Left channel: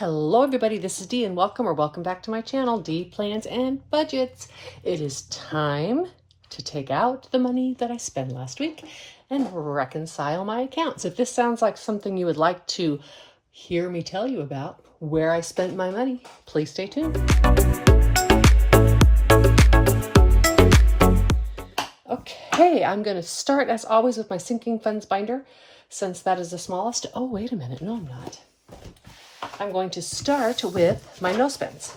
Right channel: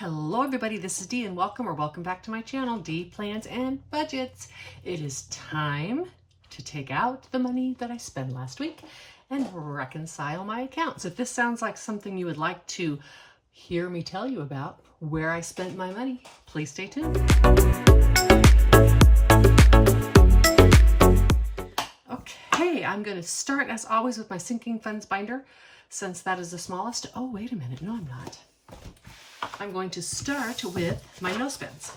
Hello everybody, this is Dee and welcome back to my channel, Dee Plans and Budgets. It is time to take out the money that I spent last week and reconcile my accounts. If this sounds like something you would like to hear me tell you about, where I spent my money, please stay tuned. Okay, I'm going to start as always with my sinking funds binder since that is the smallest. Oh, wait a minute. No, I'm not. I'm going to start with my no spends.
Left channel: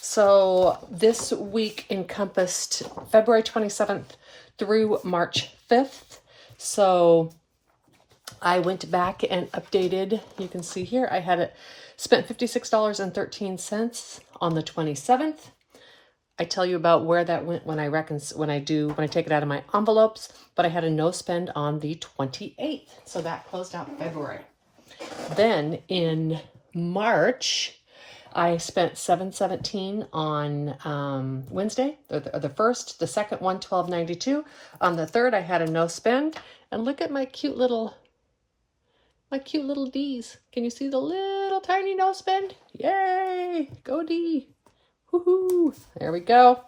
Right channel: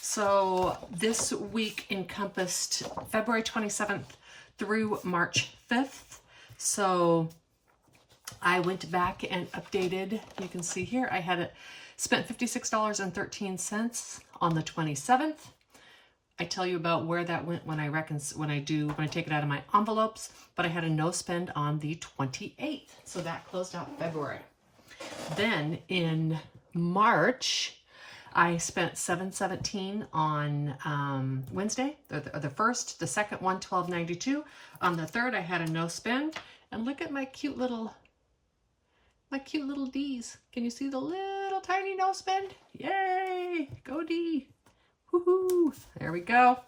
So this week encompassed February 27th through March 5th. So I went back and updated. You can see here I had spent $56.13 on the 27th. I tell you about where that went when I take it out of my envelopes, but I had a no spend on the 28th. So that closed out February. Then in March, I spent $7.17 on Wednesday, the 1st, the 2nd, $112.92. On the 3rd, I had a no spend. And look at my cute little D's. Can you see the little tiny no spend? Yay! Go D! Woohoo! There we go.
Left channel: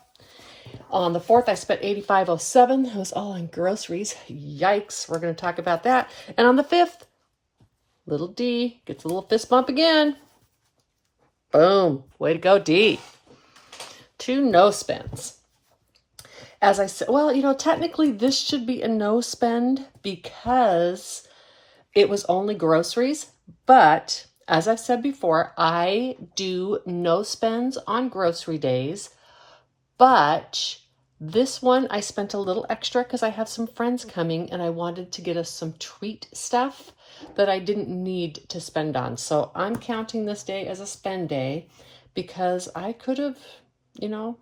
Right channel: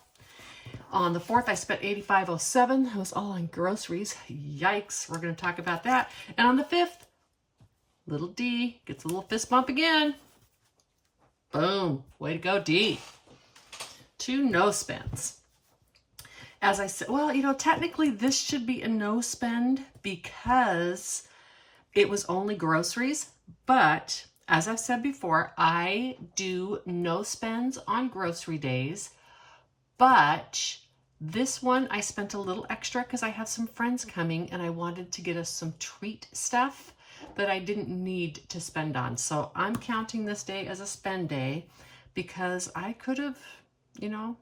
On the 4th, I spent $85.07. It was all on groceries. Yikes! We're going to talk about that. And on the 5th, little D gets a little fist bump again. Boom. Way to go, D. 2 no spends. As I said, well, technically this should be a no spend because it was only groceries. But as I've said before, I do no spends on grocery days. But this one, I spent a little extra because I have some friends coming and I wanted to get us some treat stuff that I didn't need to spend on. So I'm counting this day as a spend day because I could have,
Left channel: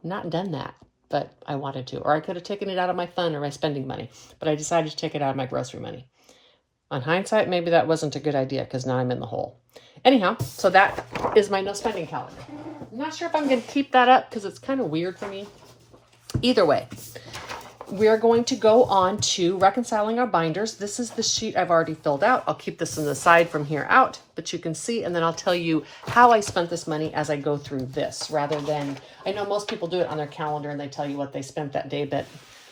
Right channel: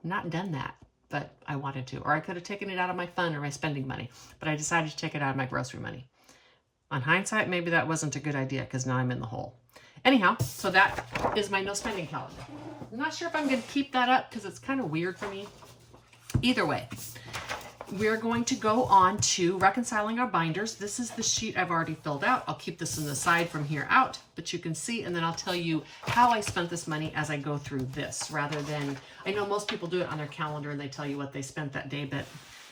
not done that, but I wanted to. Or I could have taken it out of my fun or my spending money, but I decided to take it out of my grocery money. On hindsight, maybe that wasn't a good idea because now I'm in the hole. Anyhow, so that is my no spending calendar. I'm not sure if I'm going to keep that up because it's kind of weird for me. Either way, we are going to go on to reconciling our binders. This is the sheet I've already filled out. I'll keep this on the side from here out, but you can see, and then I'll tell you how I spent this money as I go through this, rather than, I know most people do it on their calendar and they tell you what they spent that day, but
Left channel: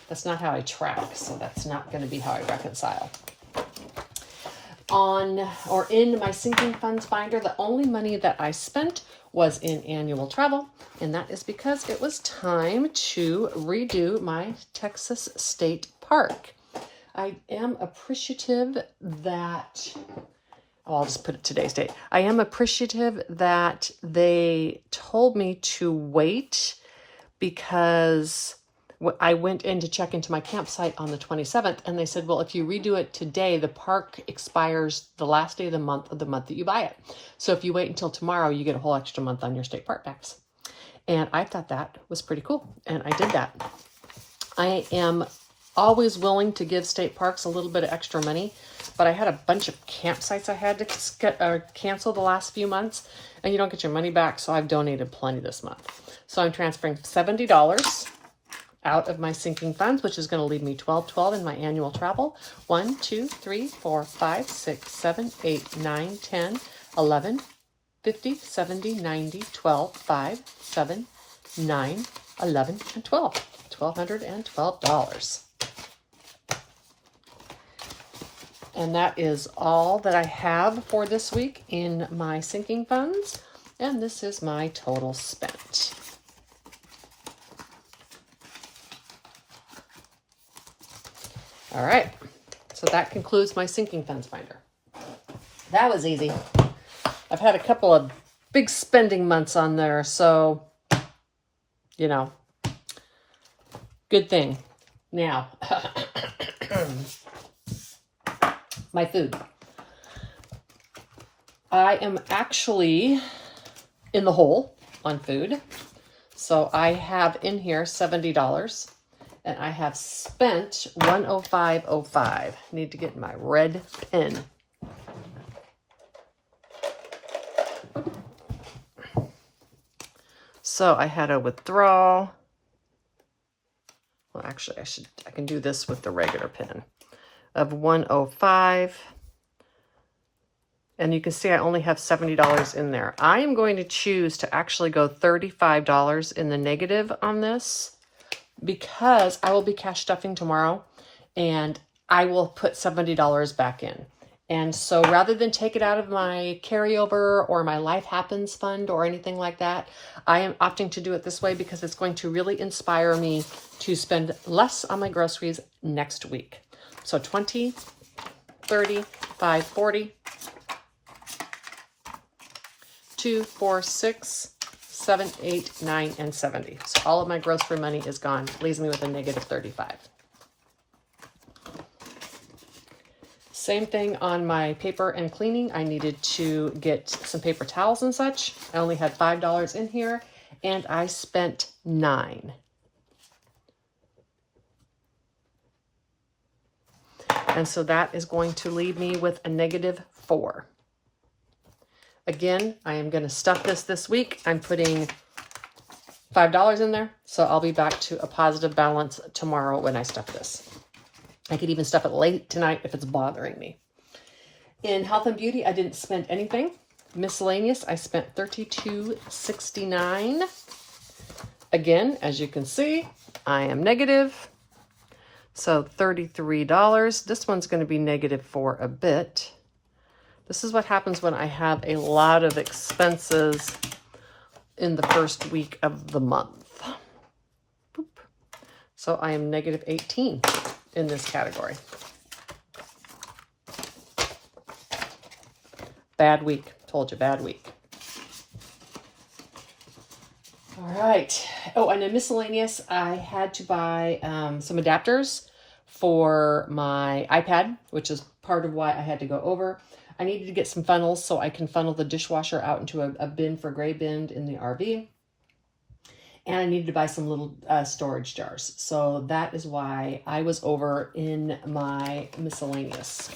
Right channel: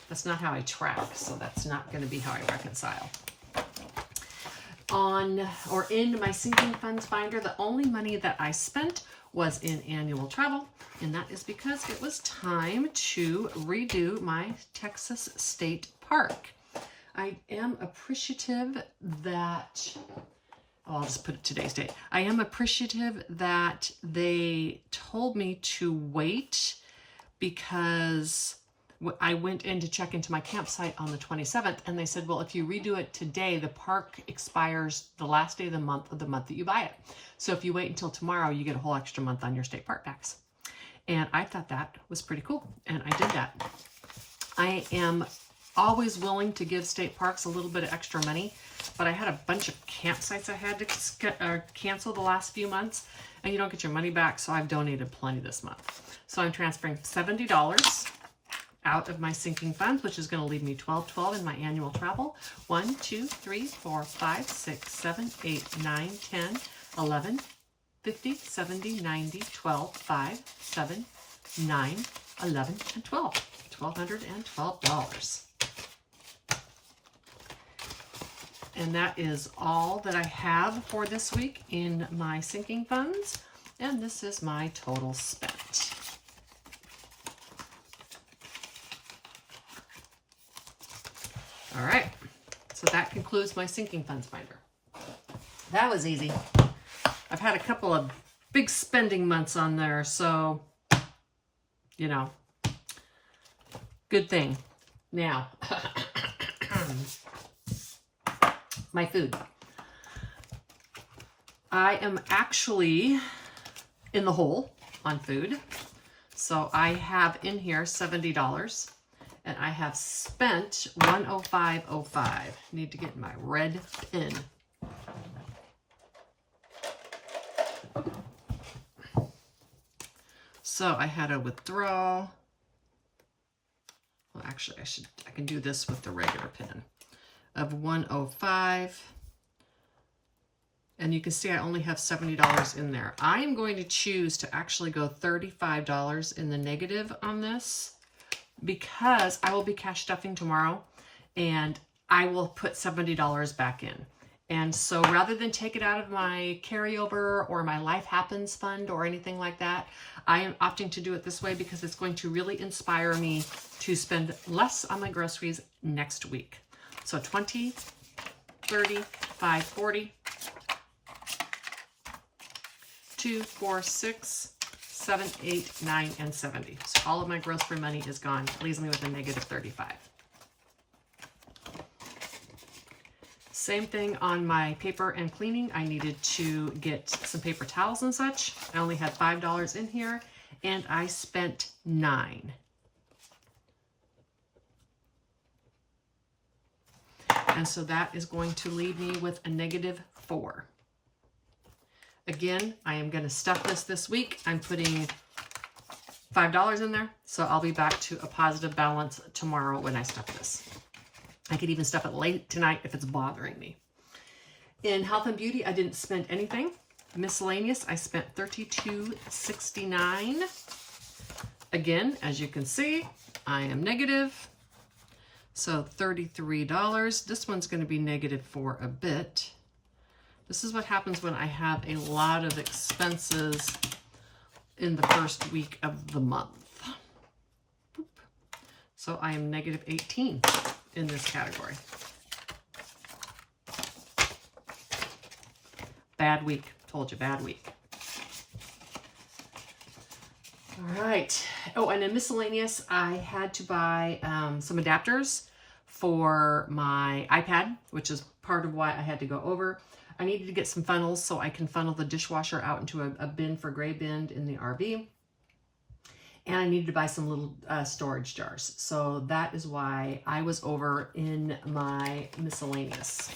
that's not how I track, so that's not going to be how I reconcile. In my sinking funds binder, the only money that I spent was in annual travel, and that is because it was time to redo my Texas State Park. I am appreciative that, I'll just put it today's date. I am appreciative that they told me to wait because I went in to check into my campsite on the 27th, and they said, well, if you redo it today, the park expires the last day of the month that you buy it. So if you wait until tomorrow, you get a whole extra month on your state park packs. And I thought that was pretty cool, and I did that. I am always willing to give state parks a little bit of extra money, but I had a bunch of campsites I had to cancel the last few months, and you don't get your money back, so I've donated plenty this month. So I'm transferring $70 out of my sinking funds, which is going to leave me $12.12 in my annual travel. 1, 2, 3, 4, 5, 6, 7, 8, 9, 10, 11, 50, 70, 90, 12, 5, 7, 9, 11, and 12. $1,212. And that is all that I have for this week in my sinking funds. And this is my total spent. All right, so that concludes my sinking funds binder. That was easy. I've had a couple of big spending months on there, so, good thing. Now, my food. I am actually in the hole on food. So I have in here $70. And I have spent $105.05. Need to get my red pen. So I had a withdrawal. Well, actually, I can do this with the regular pen of 105. And you can see I only have $70 in there. I am going to choose to actually go $35 in the negative on this because I will be cash stuffing tomorrow and I will put $70 back in. And so rather than take it out of my carryover or my Life Happens fund or anything like that, I am opting to do it this way because it's going to really inspire me to spend less on my groceries next week. So 20, 30, 5, 40, 2, 4, 6, 7, 8, 9, and 70. So all of my grocery money is gone. Leaves me with a negative 35. Same thing on my paper and cleaning. I needed to get some paper towels and such. I only had $5 in here and I spent $9. And so that is going to leave me with a negative 4. Again, I am going to stuff this week. I'm putting $5 in there, so I'll be back to a positive balance tomorrow when I stuff this. I could even stuff it late tonight if it's bothering me. In health and beauty, I didn't spend anything. Miscellaneous, I spent $32.69. Again, as you can see, I am negative. So $33. This one's going to be negative for a bit. This is what happens when I have a lot of expenses in the first week of the month. Boop. So I am negative 18 in this category. Bad week. Told you, bad week. All right. Oh, and in miscellaneous, I had to buy some adapters for my iPad, which is part of why I had to go over. I needed to get some funnels so I can funnel the dishwasher out into a bin for gray bin in the RV. And I needed to buy some little storage jars. So that is why I was over in my miscellaneous.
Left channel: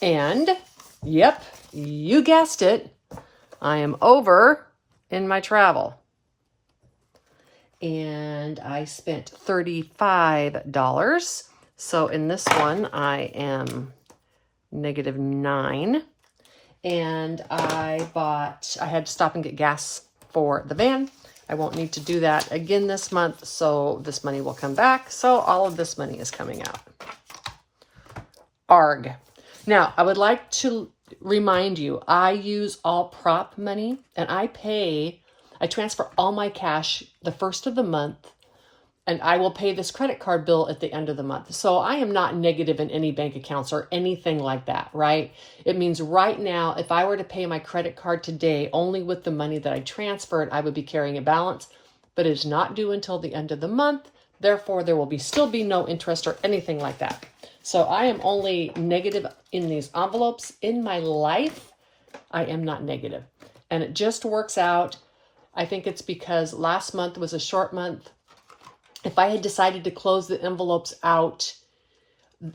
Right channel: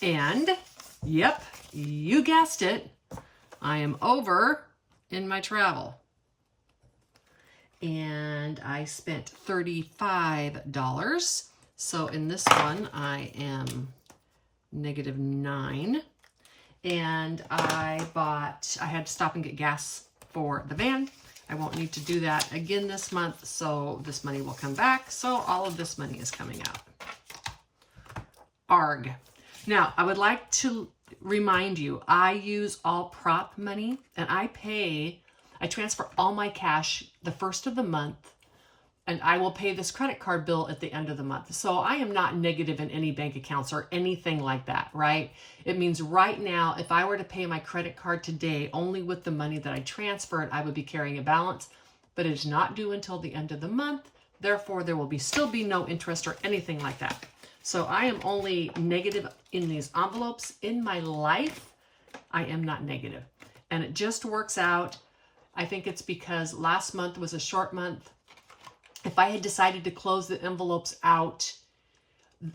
And, yep, you guessed it, I am over in my travel. And I spent $35. So in this one, I am negative 9. And I had to stop and get gas for the van. I won't need to do that again this month, so this money will come back. So all of this money is coming out. ARG. Now, I would like to remind you, I use all prop money, and I transfer all my cash the first of the month, and I will pay this credit card bill at the end of the month. So I am not negative in any bank accounts or anything like that, right? It means right now, if I were to pay my credit card today, only with the money that I transferred, I would be carrying a balance, but it's not due until the end of the month. Therefore, there will still be no interest or anything like that. So I am only negative in these envelopes. In my life, I am not negative. And it just works out. I think it's because last month was a short month. If I had decided to close the envelopes out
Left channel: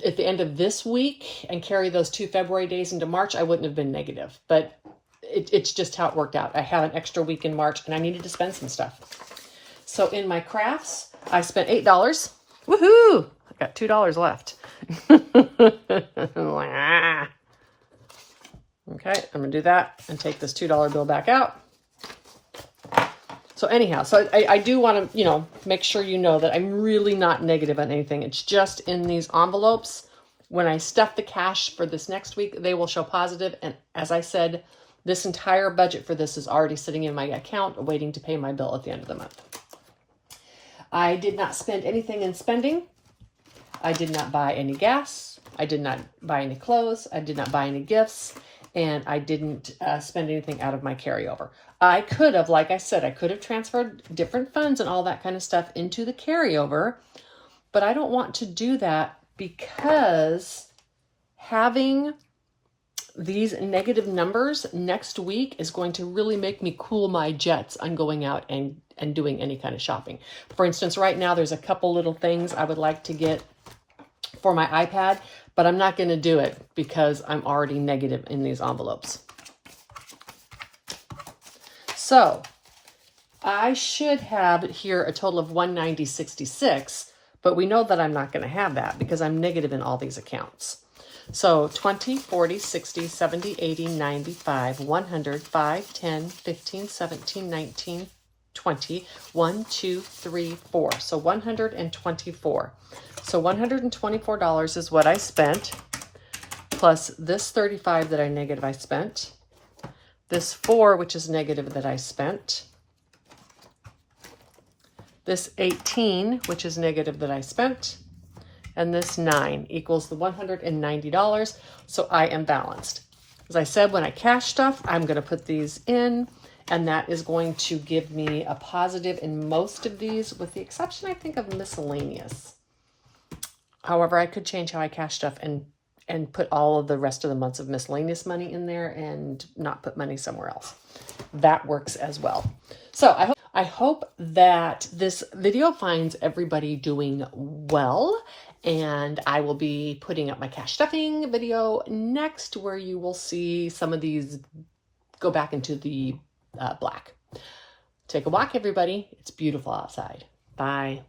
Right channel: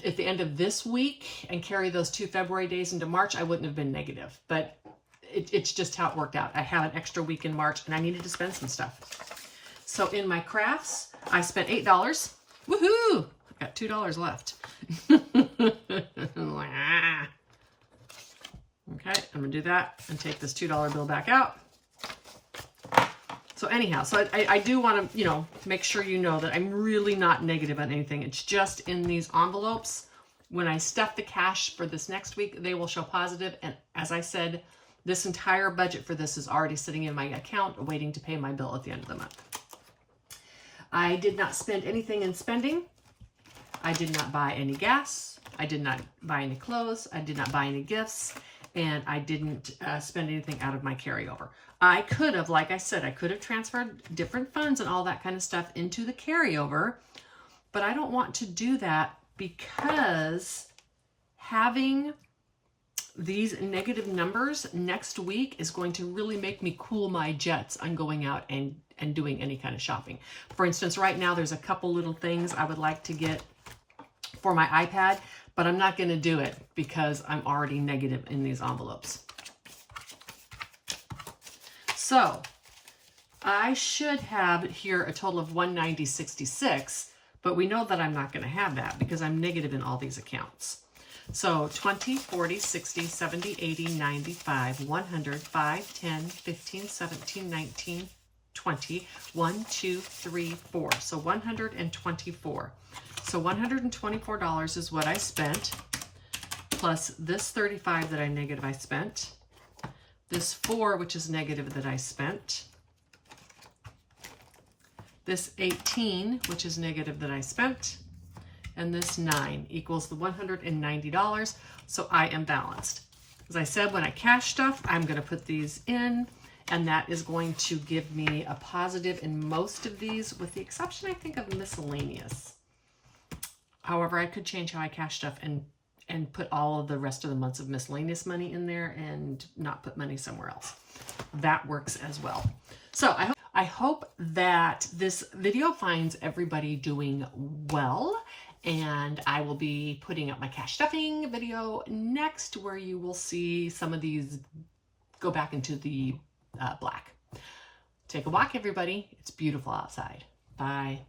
at the end of this week and carry those 2 February days into March, I wouldn't have been negative. But it's just how it worked out. I have an extra week in March and I needed to spend some stuff. So in my crafts, I spent $8. Woohoo! I got $2 left. Okay, I'm going to do that and take this $2 bill back out. So anyhow, so I do want to, make sure you know that I'm really not negative on anything. It's just in these envelopes. When I stuff the cash for this next week, they will show positive. And as I said, this entire budget for this is already sitting in my account, waiting to pay my bill at the end of the month. I did not spend anything in spending. I did not buy any gas. I did not buy any clothes. I did not buy any gifts. And I didn't spend anything out of my carryover. I could have, like I said, I could have transferred different funds and all that kind of stuff into the carryover, but I don't want to do that because having these negative numbers next week is going to really make me cool my jets on going out and doing any kind of shopping. For instance, right now there's a couple little things I would like to get for my iPad, but I'm not going to do it because I'm already negative in these envelopes. So I should have here a total of $190.66, but we know that I'm not going to have that because I'm negative in all these accounts. So 20, 40, 60, 70, 80, 95, 100, 5, 10, 15, 17, 19, 20, 1, 2, 3, 4. So 124. So $124 is what I spent, plus this 35 that I spent, this 4, which is negative, that I spent, this 18, which is negative, that I spent, and this 9 equals the $190. So I am balanced. As I said, when I cash stuff, I'm going to put these in, and that is going to give me a positive in most of these, with the exception, I think, of miscellaneous. However, I could change how I cash stuff and put all of the rest of the months of miscellaneous money in there and not put money somewhere else. That works as well. So I hope that this video finds everybody doing well, and I will be putting up my cash stuffing video next, where you will see some of these go back into the black. Take a walk, everybody. It's beautiful outside. Bye.